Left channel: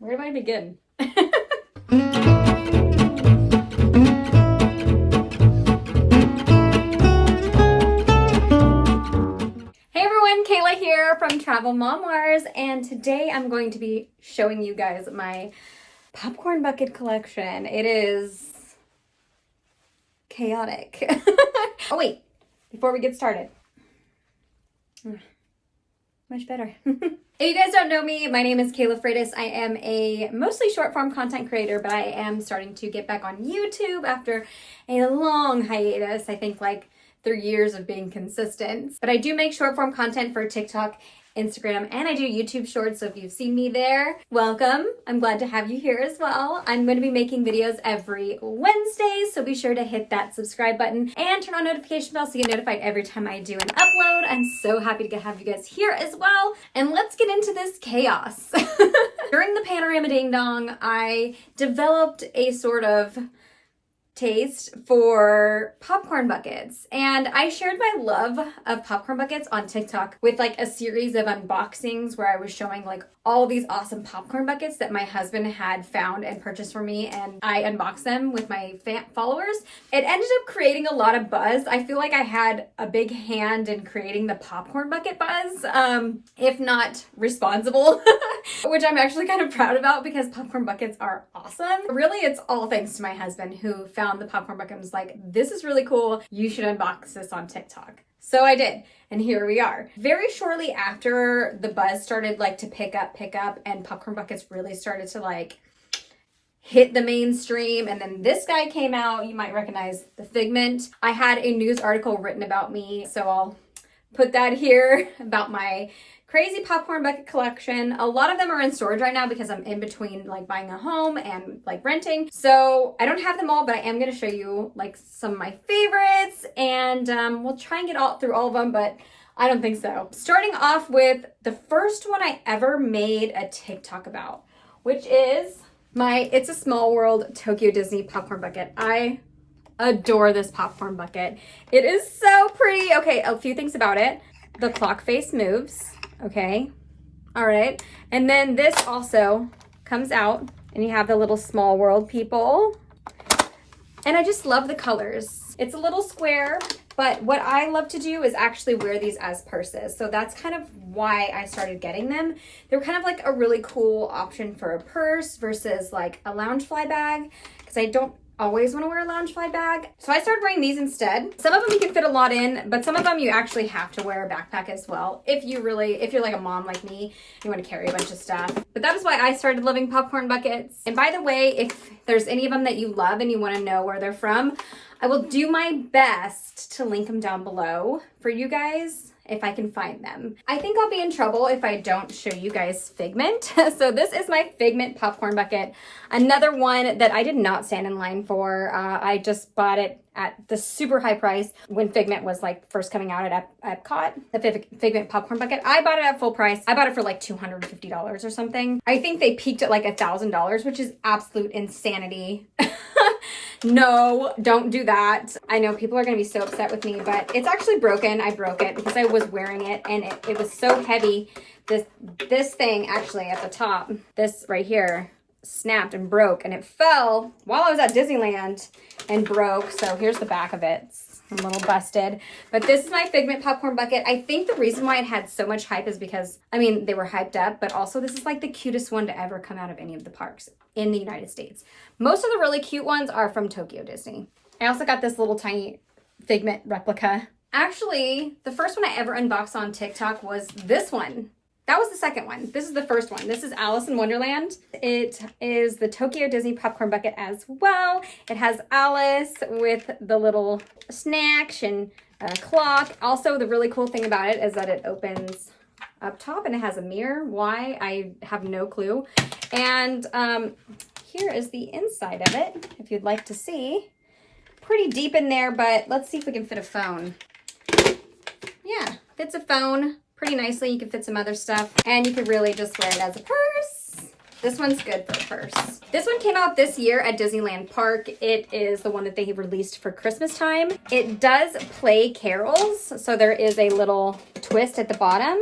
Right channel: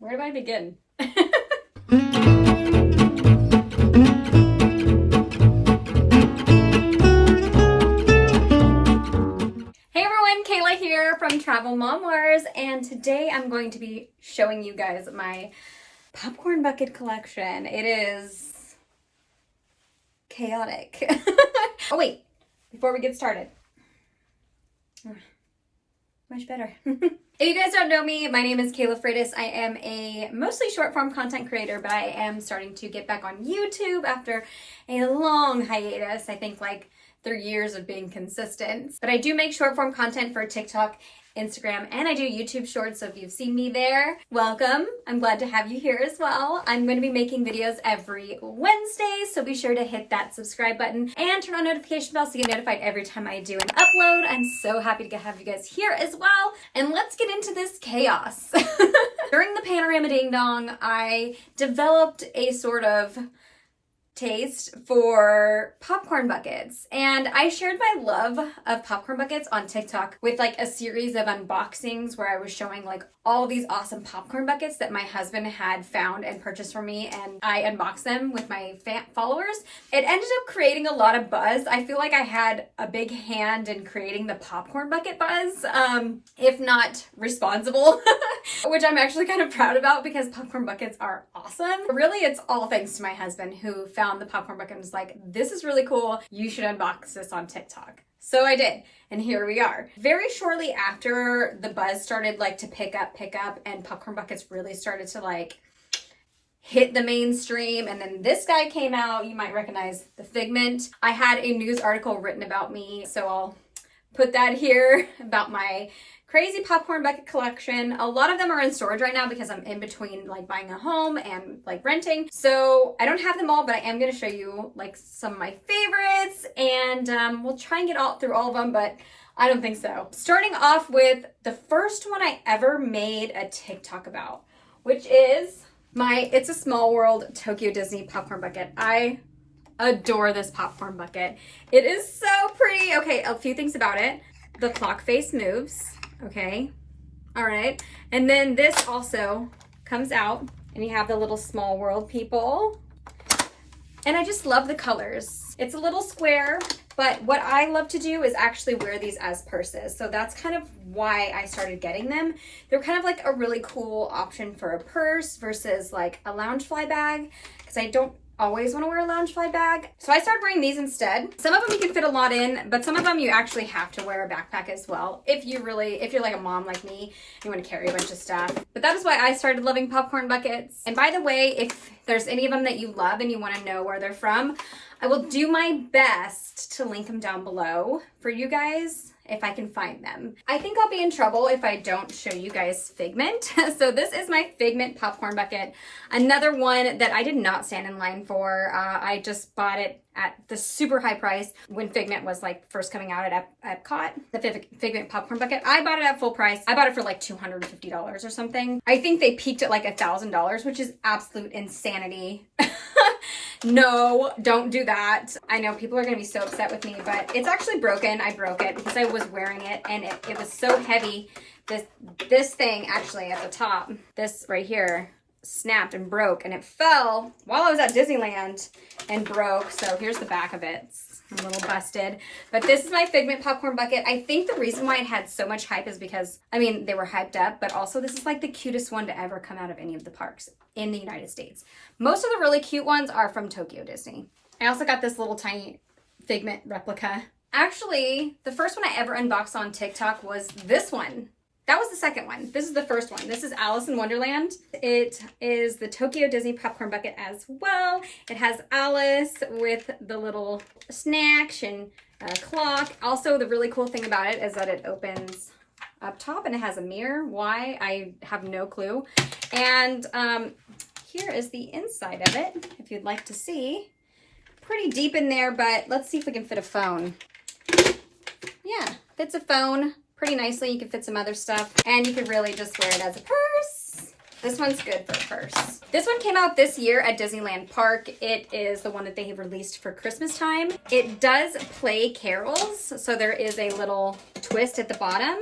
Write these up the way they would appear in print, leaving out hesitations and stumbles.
Where do I begin? Hey everyone, Kayla here from Travel Mom Wars, and today I'm going to be showing you guys my popcorn bucket collection. It is chaotic. Oh wait, before we get started. Much better. If you guys don't know me, my name is Kayla Freitas. I am a mostly short form content creator, but I am starting to get back on YouTube after a long hiatus. I think like 3 years of being consistent. But I do make short form content for TikTok, Instagram, and I do YouTube shorts. So if you've seen me there, welcome. I'm glad to have you here as well. I'm going to be making videos every Wednesday, so be sure to hit that subscribe button and turn on notification bell so you get notified every time I do an upload. I'm so happy to have you guys here as well. And let's get into this chaos. During the Panorama Ding Dong, I developed a sort of taste for popcorn buckets, and I shared my love of popcorn buckets on TikTok with like a series of unboxings where I was showing like all these awesome popcorn buckets that my husband had found and purchased for me, and I unboxed them with my followers. It ended up creating a lot of buzz. I feel like I had a big hand in creating the popcorn bucket buzz, if not responsible, which I'm actually kind of proud about because popcorn buckets are awesome. Really, it's all thanks to my husband who found the popcorn bucket and was like, this is really cool. You should unbox this on TikTok. So I did, and here we are. Very shortly after the buzz started like to pick up, and popcorn buckets really started to like hit the mainstream, and then this guy came out. You might recognize the Figment. I had a news article written about me, so I'll put that here about my crazy popcorn bucket collection. A lot of them are in storage right now because I'm in between like buying a home and like renting. So I don't have them all, but I am going to show you like some of my favorites, and we'll try and get through all of them, but I don't think so. Starting off with the first one I ever made a TikTok about, which is my It's a Small World Tokyo Disney popcorn bucket. I adore this popcorn bucket. It is so pretty. Okay, a few things about it. The clock face moves. Okay, all right, and then this also comes out, and you have the little Small World people, and I just love the colors. It's a little square, but what I love to do is actually wear these as purses, so that's kind of why I started getting them. They're kind of like a really cool option for a purse versus like a Loungefly bag, because I don't always want to wear a Loungefly bag. So I started wearing these instead. Some of them you can fit a lot in, but some of them you actually have to wear a backpack as well. If you're like a mom like me, you want to carry a bunch of stuff. But that is why I started loving popcorn buckets. And by the way, if there's any of them that you love and you want to know where they're from, I will do my best to link them down below for you guys if I can find them. I think I'll be in trouble if I don't show you guys Figment. So this is my Figment popcorn bucket. Another one that I did not stand in line for. I just bought it at the super high price when Figment was like first coming out at Epcot. The Figment popcorn bucket. I bought it at full price. I bought it for like $250 or something. I think they peaked at like $1,000, which is absolute insanity. No, don't do that. I know people are going to be so upset with me, but it's actually broken. I broke it because I was wearing it, and it was so heavy. This thing actually at the top, this right here, snapped and broke, and it fell while I was at Disneyland and broke. So here's the back of it. It's a little busted, but this is my Figment popcorn bucket. I think the reason why it had so much hype is because, I mean, they were hyped up, but also this is like the cutest one to ever come out of any of the parks in the United States. Most of the really cute ones are from Tokyo Disney. I also got this little tiny Figment replica. Actually, the first one I ever unboxed on TikTok was this one. That was the second one. This is the first one. This is Alice in Wonderland. It is the Tokyo Disney popcorn bucket as well. It has Alice with the little snacks and a clock. Also, the really cool thing about it is that it opens up top and it has a mirror. Why? I have no clue. And here is the inside of it, if you'd like to see. Pretty deep in there, but let's see if we can fit a phone. Yeah, fits a phone pretty nicely. You can fit some other stuff, and you could really just wear it as a purse. This one's good for a purse. This one came out this year at Disneyland Park. It is the one that they released for Christmas time. It does play carols, so there is a little twist at the bottom.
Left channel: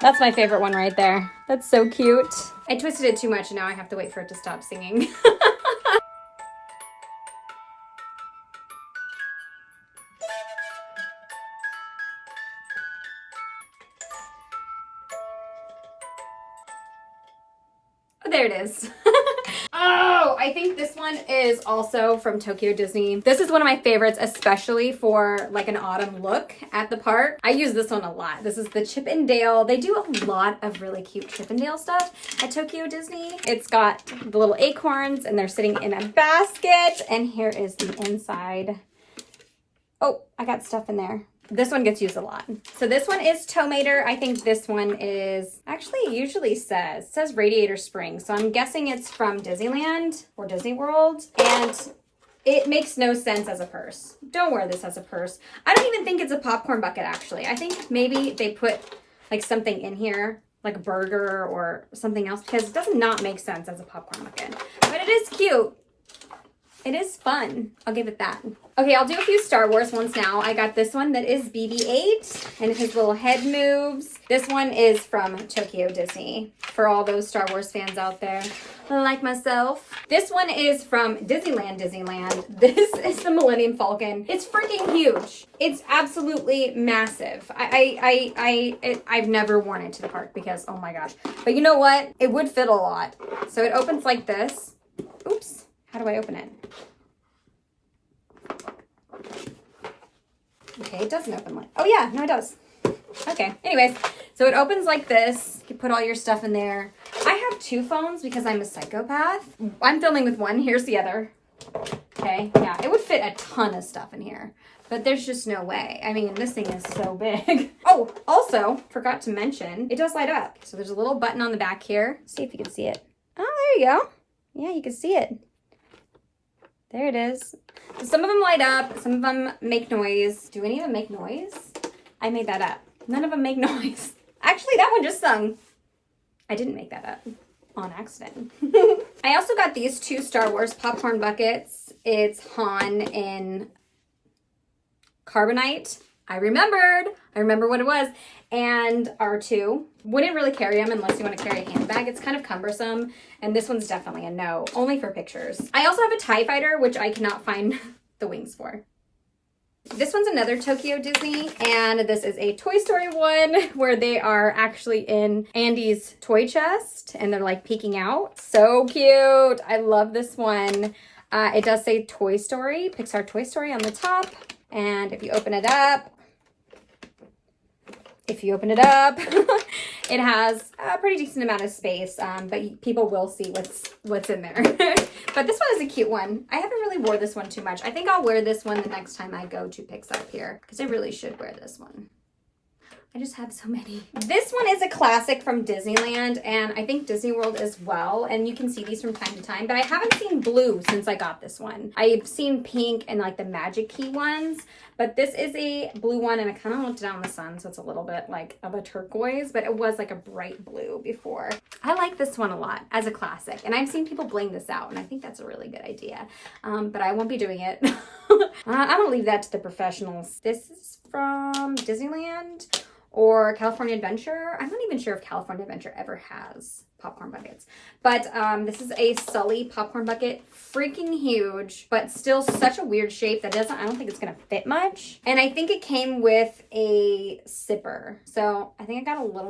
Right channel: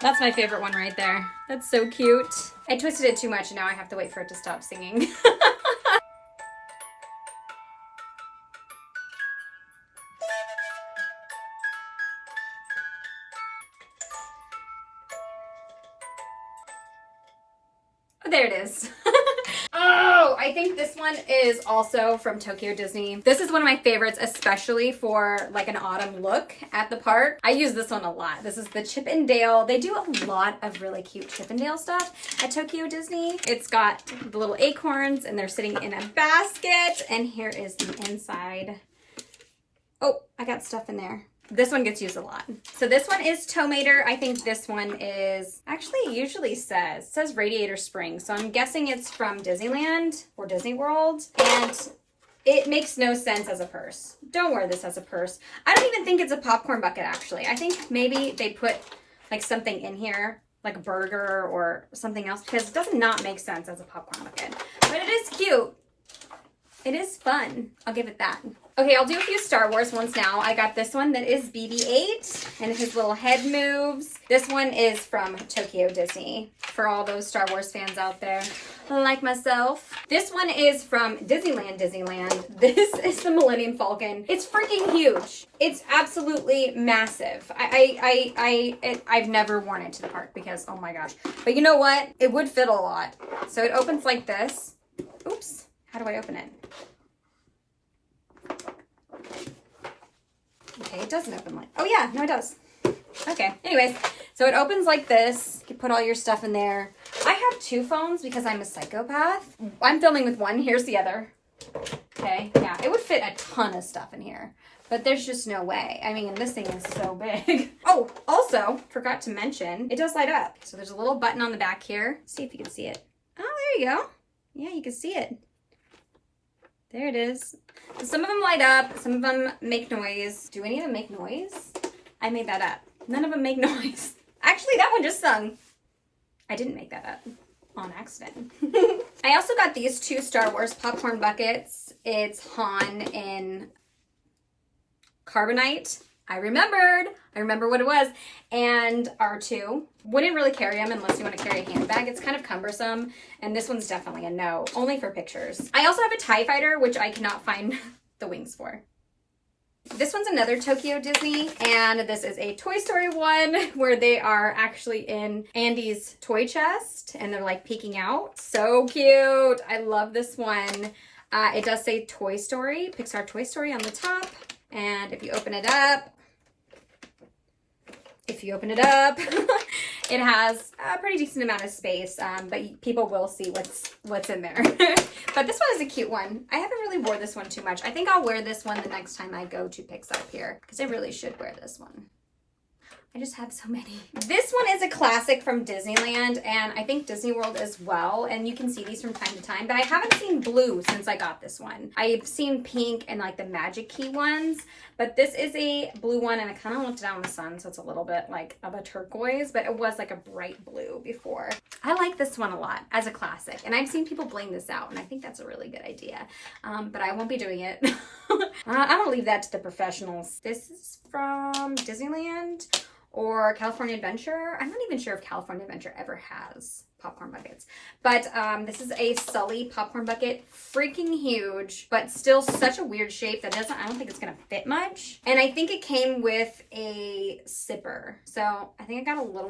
That's my favorite one right there. That's so cute. I twisted it too much and now I have to wait for it to stop singing. Oh, there it is. Oh, I think this one is also from Tokyo Disney. This is one of my favorites, especially for like an autumn look at the park. I use this one a lot. This is the Chip 'n Dale. They do a lot of really cute Chip 'n Dale stuff at Tokyo Disney. It's got the little acorns and they're sitting in a basket. And here is the inside. Oh, I got stuff in there. This one gets used a lot. So this one is Tomater. I think this one is, actually it usually says Radiator Springs. So I'm guessing it's from Disneyland or Disney World. And it makes no sense as a purse. Don't wear this as a purse. I don't even think it's a popcorn bucket actually. I think maybe they put like something in here, like a burger or something else, because it does not make sense as a popcorn bucket. But it is cute. It is fun. I'll give it that. Okay, I'll do a few Star Wars ones now. I got this one that is BB-8 and his little head moves. This one is from Tokyo Disney for all those Star Wars fans out there like myself. This one is from Disneyland. This is the Millennium Falcon. It's freaking huge. It's absolutely massive. I've never worn it to the park because, oh my gosh. But you know what? It would fit a lot. So it opens like this. Oops. How do I open it? Okay, it doesn't open like... Oh yeah, no it does. Okay, anyways. So it opens like this. You can put all your stuff in there. I have two phones because I'm a psychopath. I'm filming with one. Here's the other. Okay, yeah. It would fit a ton of stuff in here. But there's just no way. I mean, this thing is so big. Oh, also, forgot to mention, it does light up. So there's a little button on the back here. See if you can see it. Oh, there you go. Yeah, you can see it. There it is. Some of them light up. Some of them make noise. Do any of them make noise? I made that up. None of them make noise. Actually, that one just sung. I didn't make that up on accident. I also got these two Star Wars popcorn buckets. It's Han in Carbonite. I remember what it was. And R2. Wouldn't really carry them unless you want to carry a handbag. It's kind of cumbersome. And this one's definitely a no. Only for pictures. I also have a TIE Fighter, which I cannot find the wings for. This one's another Tokyo Disney. And this is a Toy Story one where they are actually in Andy's toy chest. And they're like peeking out. So cute. I love this one. It does say Toy Story, Pixar Toy Story on the top. And if you open it up, it has a pretty decent amount of space, but people will see what's in there. But this one is a cute one. I haven't really wore this one too much. I think I'll wear this one the next time I go to Pixar Pier, because I really should wear this one. I just have so many. This one is a classic from Disneyland and I think Disney World as well. And you can see these from time to time, but I haven't seen blue since I got this one. I've seen pink and like the Magic Key ones, but this is a blue one and I kind of looked down in the sun, so it's a little bit like of a turquoise, but it was like a bright blue before. I like this one a lot as a classic and I've seen people bling this out and I think that's a really good idea. But I won't be doing it. I'm gonna leave that to the professionals. This is from Disneyland or California Adventure. I'm not even sure if California Adventure ever has popcorn buckets. But this is a Sulley popcorn bucket. Freaking huge, but still such a weird shape that I don't think it's gonna fit much. And I think it came with a zipper. So I think I got a little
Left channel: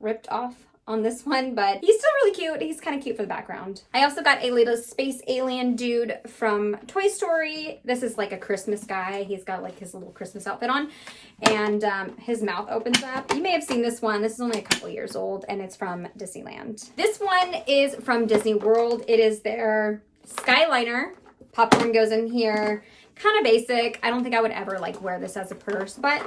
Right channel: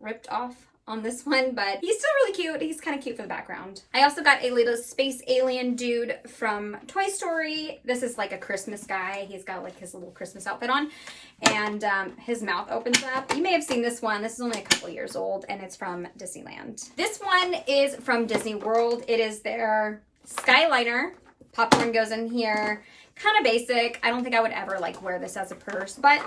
ripped off on this one, but he's still really cute. He's kind of cute for the background. I also got a little space alien dude from Toy Story. This is like a Christmas guy. He's got like his little Christmas outfit on and his mouth opens up. You may have seen this one. This is only a couple years old and it's from Disneyland. This one is from Disney World. It is their Skyliner. Popcorn goes in here. Kind of basic. I don't think I would ever like wear this as a purse, but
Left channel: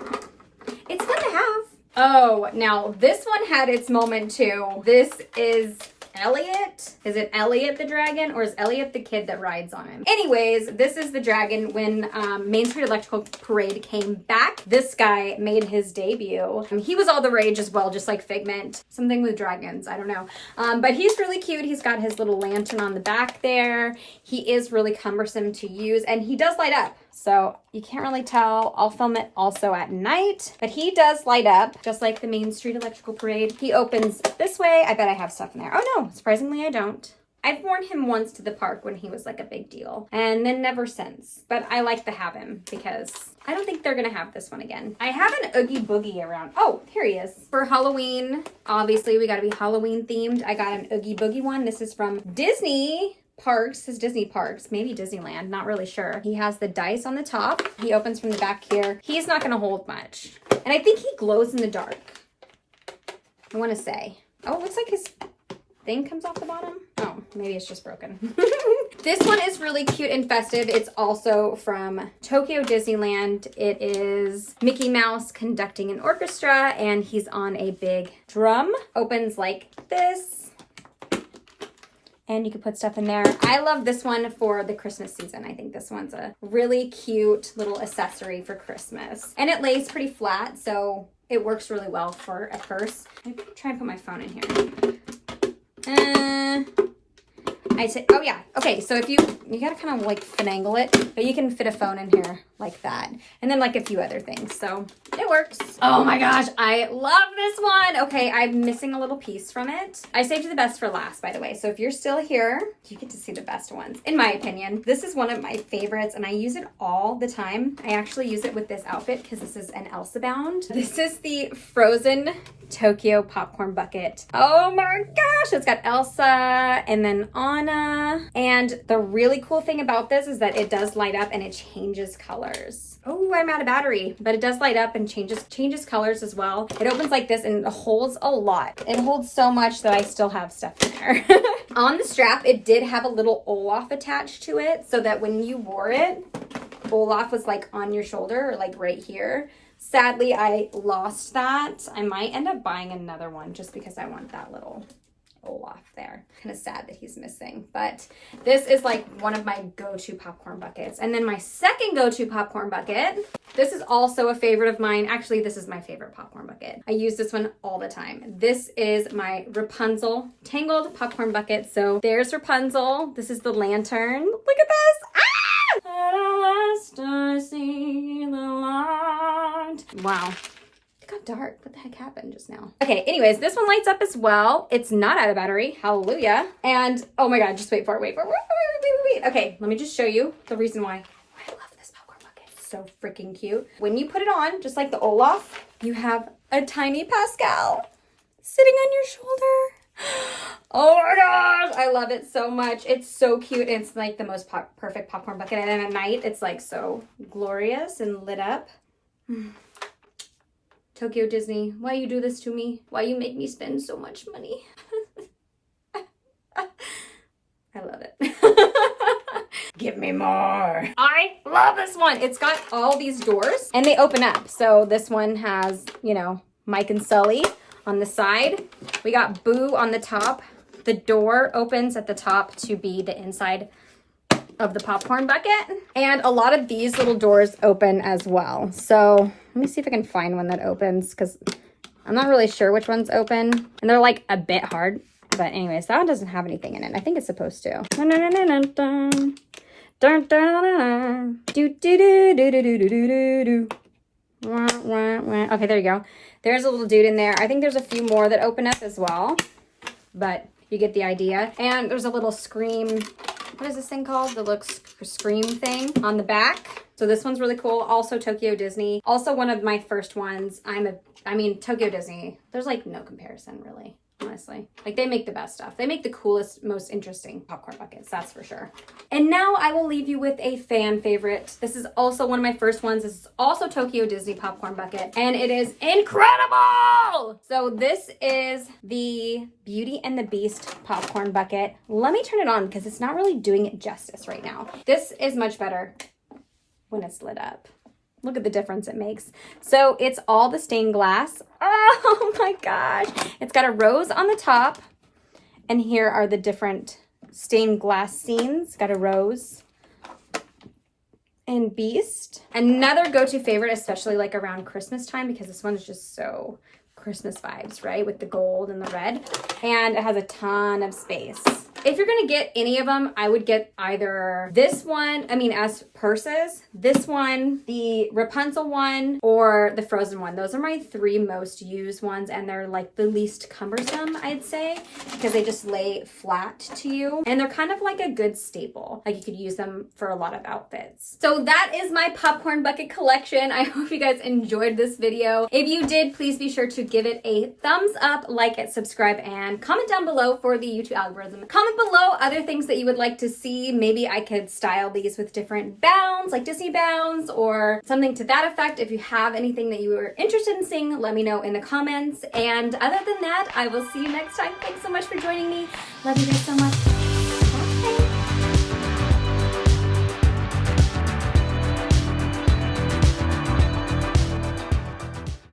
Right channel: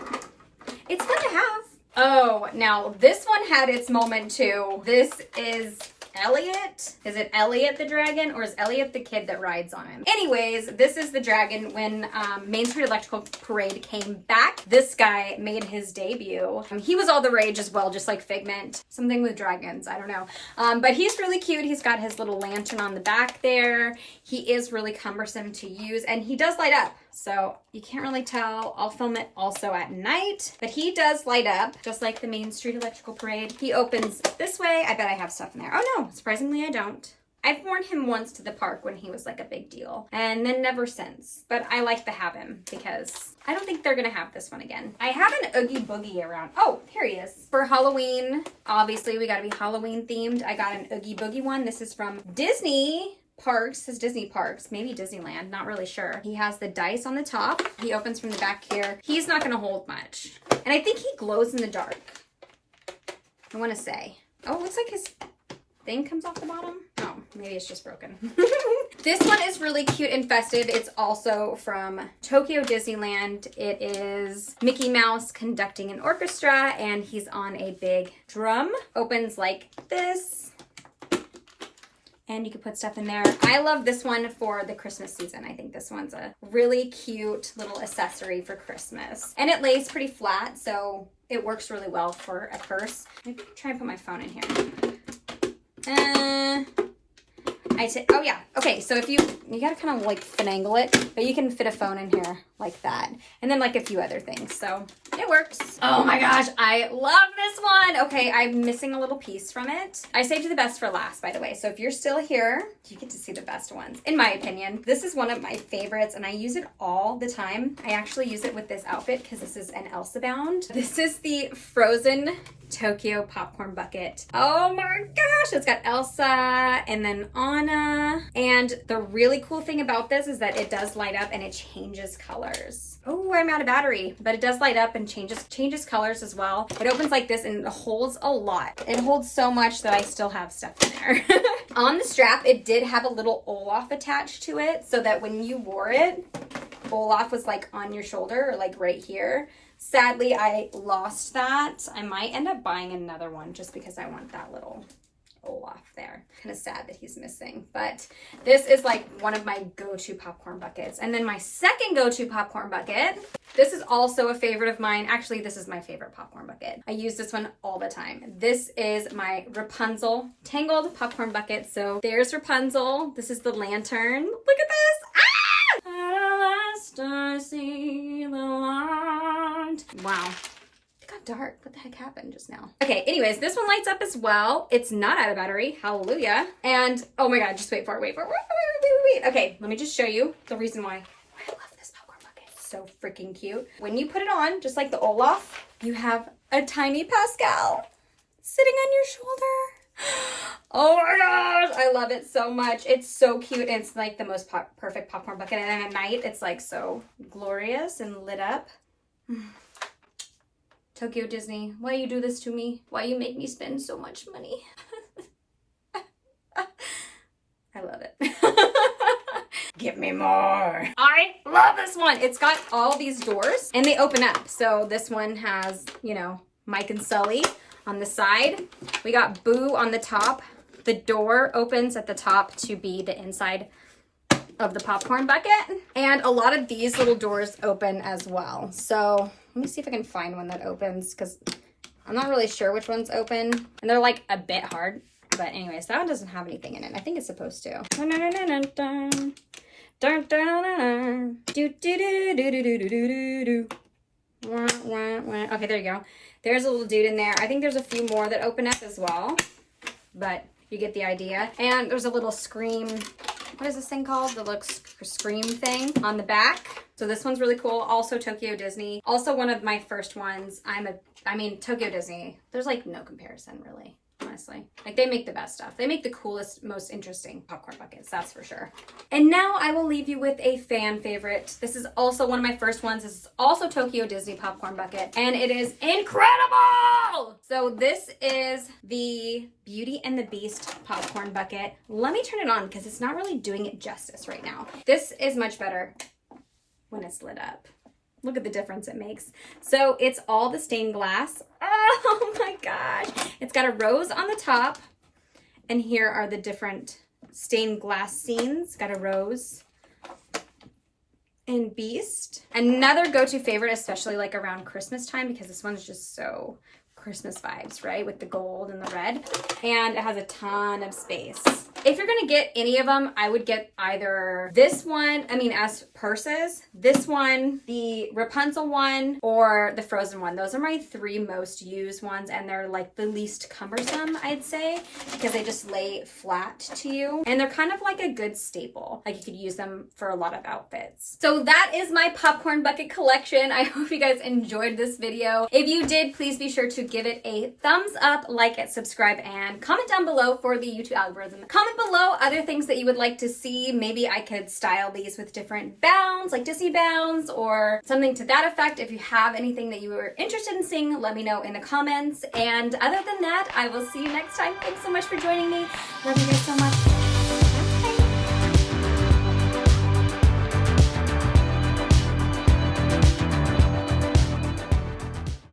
it's fun to have. Oh, now this one had its moment too. This is Elliot. Is it Elliot the dragon or is Elliot the kid that rides on him? Anyways, this is the dragon. When Main Street Electrical Parade came back, this guy made his debut. He was all the rage as well, just like Figment. Something with dragons, I don't know. But he's really cute. He's got his little lantern on the back there. he is really cumbersome to use, and he does light up. So you can't really tell. I'll film it also at night, but he does light up just like the Main Street Electrical Parade. He opens this way. I bet I have stuff in there. Oh no, surprisingly I don't. I've worn him once to the park when he was like a big deal, and then never since. But I like to have him because I don't think they're gonna have this one again. I have an Oogie Boogie around. Oh, here he is. For Halloween, obviously we gotta be Halloween themed. I got an Oogie Boogie one. This is from Disney Parks, says Disney Parks, maybe Disneyland, not really sure. He has the dice on the top. He opens from the back here. He's not gonna hold much. And I think he glows in the dark, I wanna say. Oh, it looks like his thing comes off the bottom. Oh, maybe it's just broken. This one is really cute and festive. It's also from Tokyo Disneyland. It is Mickey Mouse conducting an orchestra, and he's on a big drum. Opens like this, and you can put stuff in there. I love this one for the Christmas season. I think this one's a really cute little accessory for Christmas. And it lays pretty flat, so it works really well for a purse. Maybe I can try and put my phone in here. Oh yeah, okay, so if you gotta kind of like finagle it, but you can fit a phone in here like that. And then like a few other things, so it works. Oh my gosh, I love this one. Okay, I'm missing a little piece from it. I saved the best for last, by the way. So if you're still here, you get to see the best ones, in my opinion. This is one of my favorites, and I use it all the time. I actually use it with this outfit because this is an Elsa bound. This is the Frozen Tokyo popcorn bucket. Oh my gosh, it's got Elsa and then Anna. And the really cool thing about this is that it does light up and it changes colors. Oh, I'm out of battery, but it does light up and changes colors as well. It opens like this and it holds a lot. It holds so much that I still have stuff in there. On the strap, it did have a little Olaf attached to it so that when you wore it, Olaf was like on your shoulder or like right here. Sadly, I lost that. I might end up buying another one just because I want that little Olaf there. Kind of sad that he's missing, but this is like one of my go-to popcorn buckets. And then my second go-to popcorn bucket, this is also a favorite of mine. Actually, this is my favorite popcorn bucket. I use this one all the time. This is my Rapunzel Tangled popcorn bucket. So there's Rapunzel. This is the lantern. Look at this. Ah! I see the light. Wow. It got dark. What the heck happened just now? Okay, anyways, this one lights up as well. It's not out of battery. Hallelujah. And oh my God, just wait for it. Wait. Okay, let me just show you the reason why I love this popcorn bucket. It's so freaking cute. When you put it on, just like the Olaf, you have a tiny Pascal sitting on your shoulder. Oh my gosh, I love it so much. It's so cute. And it's like the most perfect popcorn bucket. And then at night, it's like so glorious and lit up. Tokyo Disney, why you do this to me? Why you make me spend so much money? I love it. Give me more. I love this one. It's got all these doors and they open up. So this one has, you know, Mike and Sully on the side. We got Boo on the top. The door opens at the top to be the inside of the popcorn bucket. And a lot of these little doors open as well. So let me see if I can find one that opens because I'm not really sure which ones open. And they're like a bit hard. But anyways, that one doesn't have anything in it. I think it's supposed to. Okay, there you go. There's a little dude in there. I think there's a few more that open up as well. But you get the idea. And there's a little Scream, what is this thing called? The little Scream thing on the back. So this one's really cool. Also Tokyo Disney. Also one of my first ones. I mean, Tokyo Disney, there's like no comparison really, honestly. Like they make the best stuff. They make the coolest, most interesting popcorn buckets, that's for sure. And now I will leave you with a fan favorite. This is also one of my first ones. This is also Tokyo Disney popcorn bucket, and it is incredible! So this is the Beauty and the Beast popcorn bucket. Let me turn it on because it's not really doing it justice right now. This is much better when it's lit up. Look at the difference it makes. So it's all the stained glass. Oh my gosh. It's got a rose on the top. And here are the different stained glass scenes. Got a rose and Beast. Another go-to favorite, especially like around Christmas time, because this one is just so Christmas vibes, right? With the gold and the red. And it has a ton of space. If you're gonna get any of them, I would get either this one, as purses, this one, the Rapunzel one, or the Frozen one. Those are my 3 most used ones, and they're like the least cumbersome, I'd say, because they just lay flat to you. And they're kind of like a good staple. Like you could use them for a lot of outfits. So that is my popcorn bucket collection. I hope you guys enjoyed this video. If you did, please be sure to give it a thumbs up, like it, subscribe, and comment down below for the YouTube algorithm. Comment below other things that you would like to see. Maybe I could style these with different bounds, like Disney bounds, or something to that effect. If you have anything that you are interested in seeing, let me know in the comments. And other than that, I will see you next time. Thanks so much for joining me. Love you guys so much.